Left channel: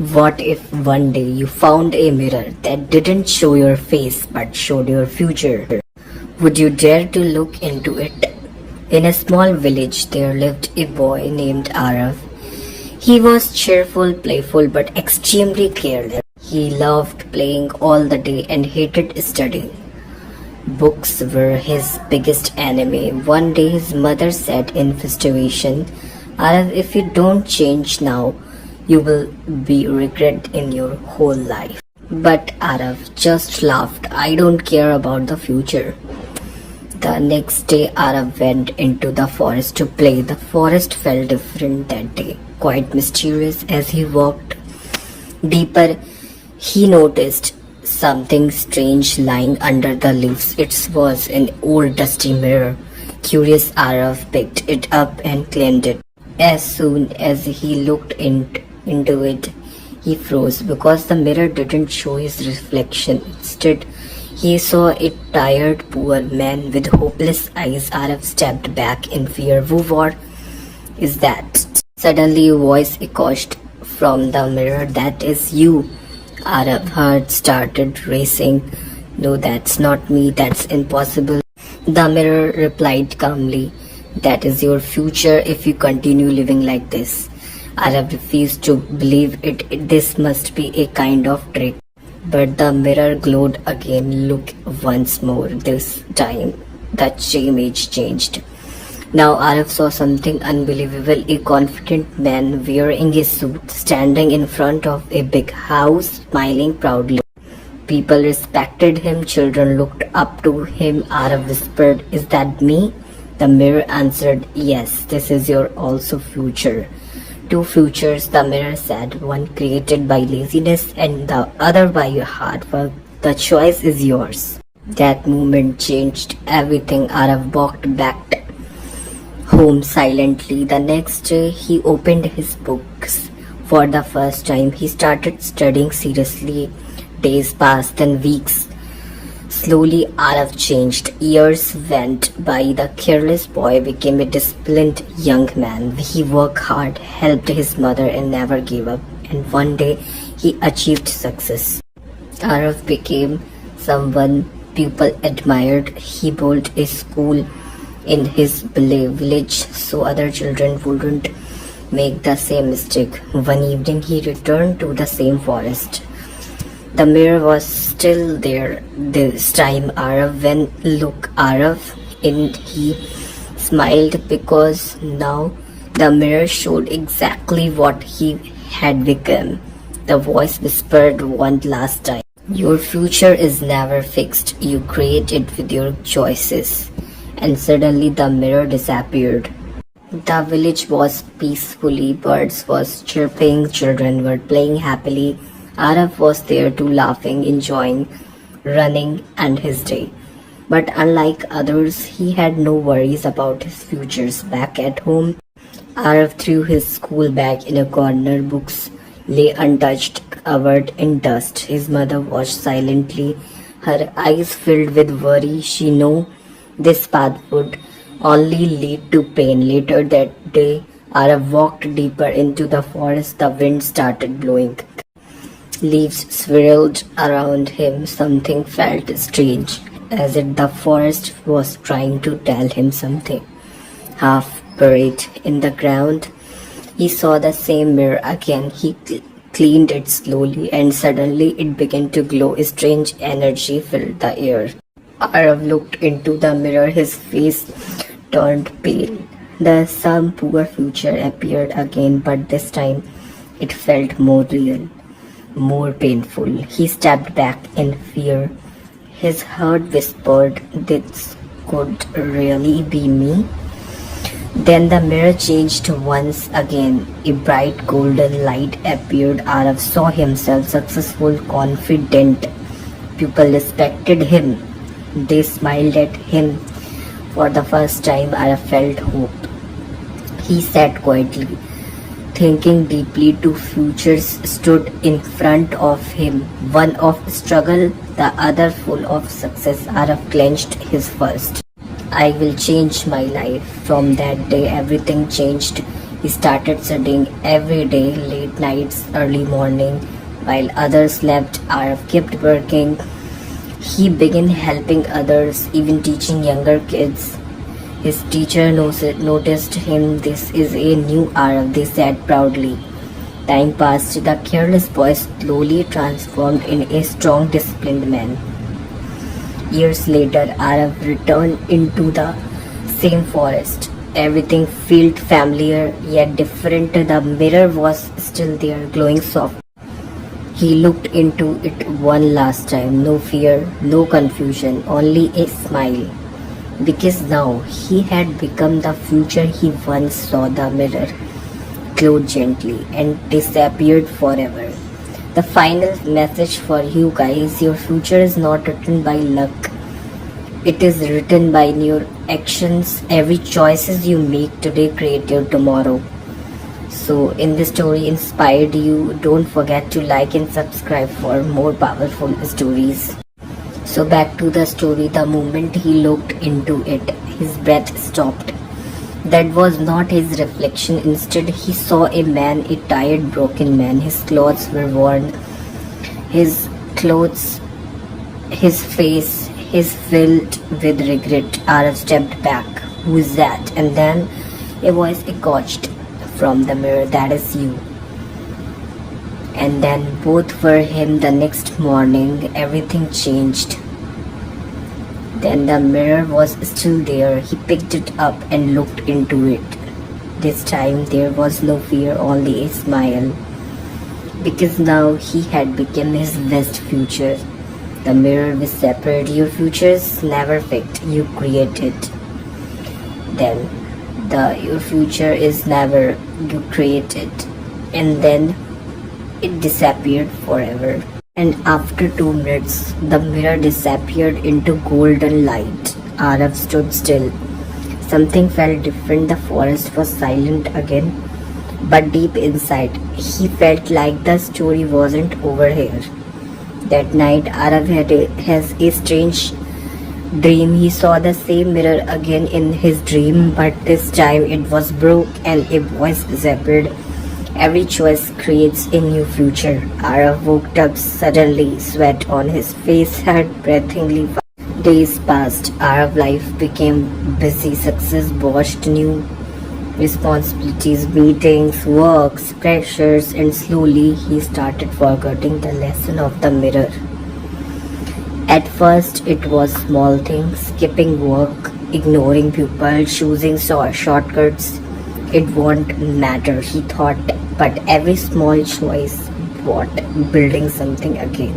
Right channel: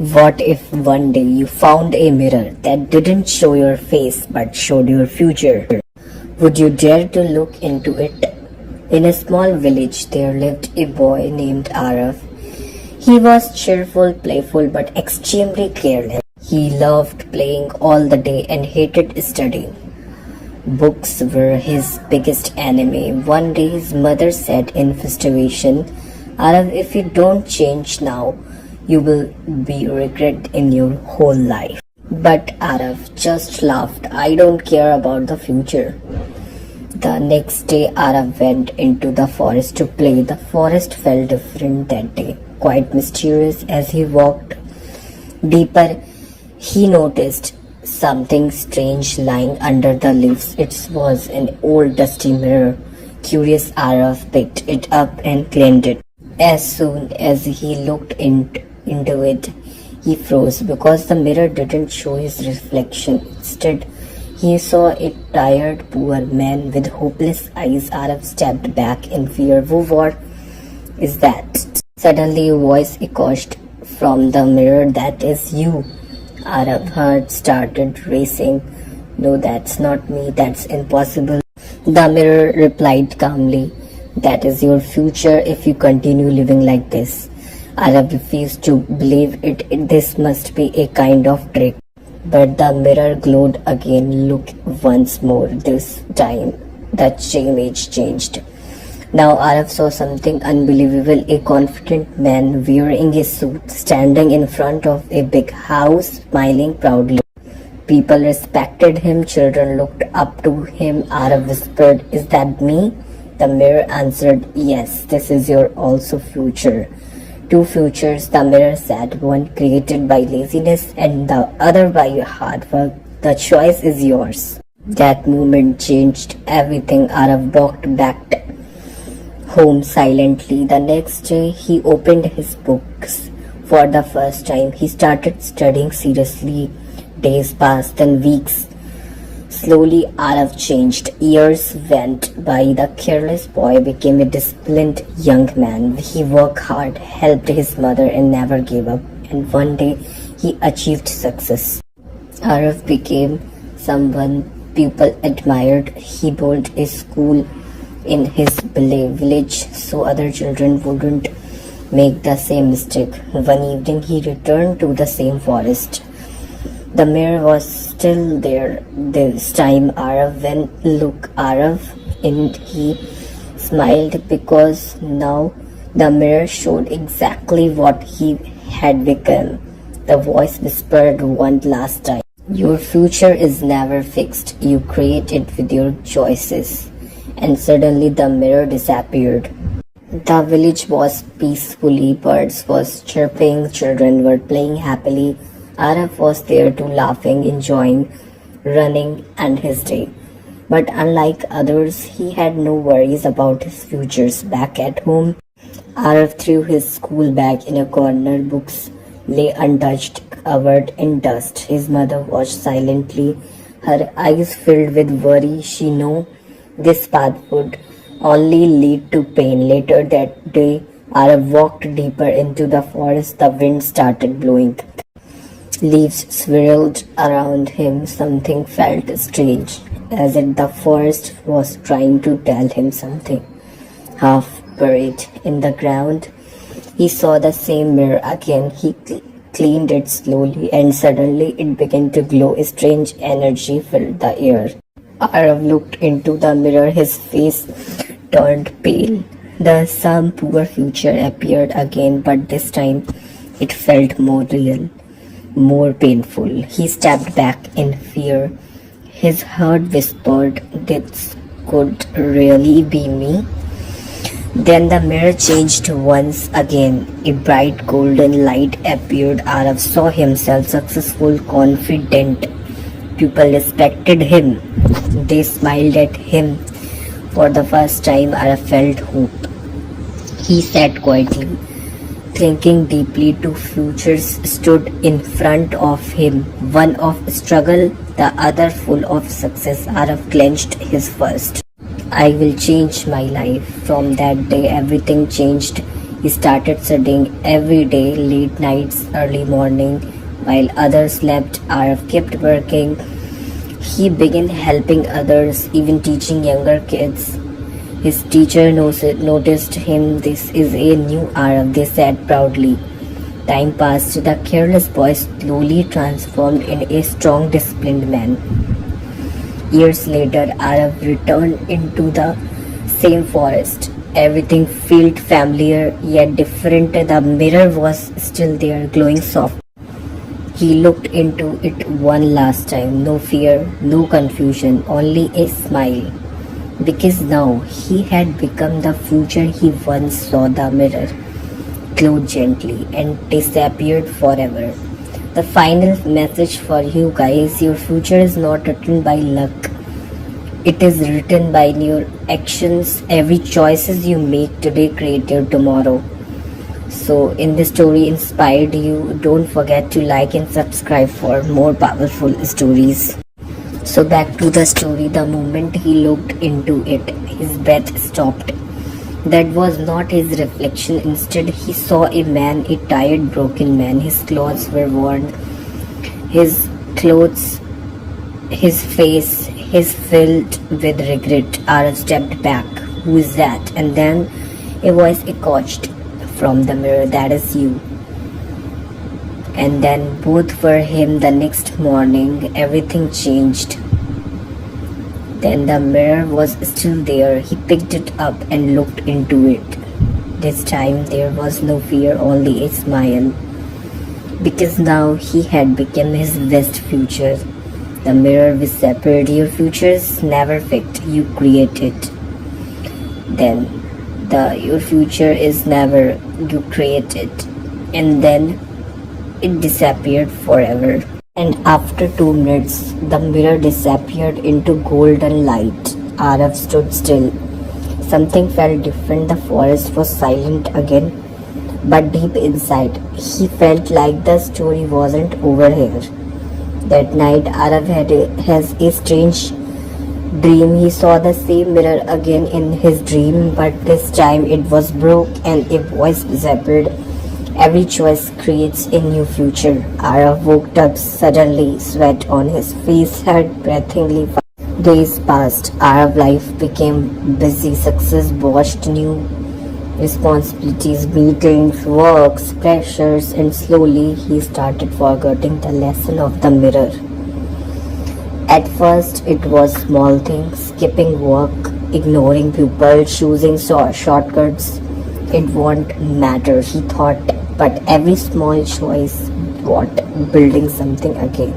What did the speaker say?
What if one day you found a mirror that didn't show your face but showed your future? Would you dare to look into it? In a small village there lived a boy named Aarav. He was cheerful, playful, but extremely careless. He loved playing all the day and hated studying. Books were his biggest enemy. One day his mother said in frustration, Aarav, if you don't change now, you will be regret in your whole life. But Aarav just laughed. I don't care about the future. The next day Aarav went into the forest to play. The forest felt different that day, quite mysterious. As he walked deeper, he noticed something strange lying under the leaves. It was an old dusty mirror. Curious, Aarav picked it up and cleaned it. As soon as he looked into it, he froze because the mirror didn't show his reflection. Instead, he saw a tired, poor man with hopeless eyes. Aarav stepped back in fear. What is that? Suddenly, a voice echoed from the mirror. That is you. Arav's heart started racing. No, that's not me. That's impossible. The mirror replied calmly. That is your future if you continue living like this. Aarav refused to believe it. This must be a kind of trick. But the mirror glowed again. Look once more. This time the image changed. Now Aarav saw something unbelievable. A confident man wearing a suit standing in front of a big house, smiling proudly. People respected him. Children looked up to him. Aarav whispered, is that me? The mirror answered, yes, this is your also future. Two futures, the mirror said, one created by laziness and the other by hard work. The choice is yours. That moment changed everything. Aarav walked back home silently. The next day, he opened his books. For the first time, he started studying seriously. Days passed, then weeks. Slowly, Aarav changed. Years went by. The careless boy became a disciplined young man. He worked hard, helped his mother, and never gave up. And one day, he achieved success. Aarav became someone people admired. He built a school in his village so other children wouldn't make the same mistake. One evening, he returned to the same forest. The mirror was still there this time. Aarav went look Aarav and he smiled because now the mirror showed exactly what he had become. The voice whispered one last time. Your future is never fixed. You create it with your choices. And suddenly the mirror disappeared. The village was peacefully. Birds was chirping. Children were playing happily. Aarav was there too, laughing, enjoying, running and his day. But unlike others, he had no worries about his futures. Back at home, Aarav threw his school bag in a corner. Books lay untouched, covered in dust. His mother watched silently, her eyes filled with worry. She knew this path would only lead to pain. Later that day, Aarav walked deeper into the forest. The wind started blowing. Leaves swirled around him. Something felt strange, as if the forest was trying to tell him something. Half buried in the ground, he saw the same mirror again. He cleaned it slowly, and suddenly it began to glow. A strange energy filled the air. Aarav looked into the mirror. His face turned pale. Some poor future appeared again, but this time it felt more real, more painful. He stepped back in fear. His heart whispered, this could really be me. Then the mirror changed once again. A bright golden light appeared. Aarav saw himself successful, confident. People respected him. They smiled at him. For the first time, Aarav felt hope. He sat quietly, thinking deeply. Two futures stood in front of him, one of struggle, the other full of success. Aarav clenched his fist. I will change my life. From that day, everything changed. He started studying every day, late nights, early morning, while others slept. Aarav kept working. He began helping others, even teaching younger kids. His teacher noticed him. This is a new Aarav, they said proudly. Time passed. The careless boy slowly transformed in a strong, disciplined man. Years later, Aarav returned into the same forest. Everything felt familiar yet different. The mirror was still there, glowing soft. He looked into it one last time. No fear, no confusion, only a smile. Because now he had become the future he once saw. The mirror glowed gently and disappeared forever. The final message for you guys: your future is not written by luck. It is written by your actions. Every choices you make today create your tomorrow. So, in this story inspired you, don't forget to like and subscribe for more powerful stories. So, back to the story. The moment he looked into it, his breath stopped. That was not his reflection. Instead, he saw a man, a tired, broken man. His clothes were worn. His clothes, his face, his filled with regret. Aarav stepped back. Who is that? And then a voice echoed from the mirror. That is you. And then both were him. The next morning, everything changed. Then the mirror was still there. He picked it up and looked into it. This time there was no fear, only a smile. Because now he had become his best future. The mirror whispered, your future is never fixed, you create it. Then your future is never, you create it. And then it disappeared forever. And after 2 minutes, the mirror disappeared into golden light. Aarav stood still. Something felt different. The forest was silent again. But deep inside, he felt like the story wasn't over here. That night, Aarav has a strange dream. He saw the same mirror again in his dream, but this time it was broke and a voice whispered, every choice creates a new future. Aarav woke up suddenly, sweat on his face, heart breathingly. Days passed. Aarav life became busy. Success brought new responsibilities, meetings, works, pressures, and slowly he started forgetting the lesson of the mirror. At first, it was small things, skipping work, ignoring people, choosing shortcuts. It won't matter, he thought, but every small choice brought building something again.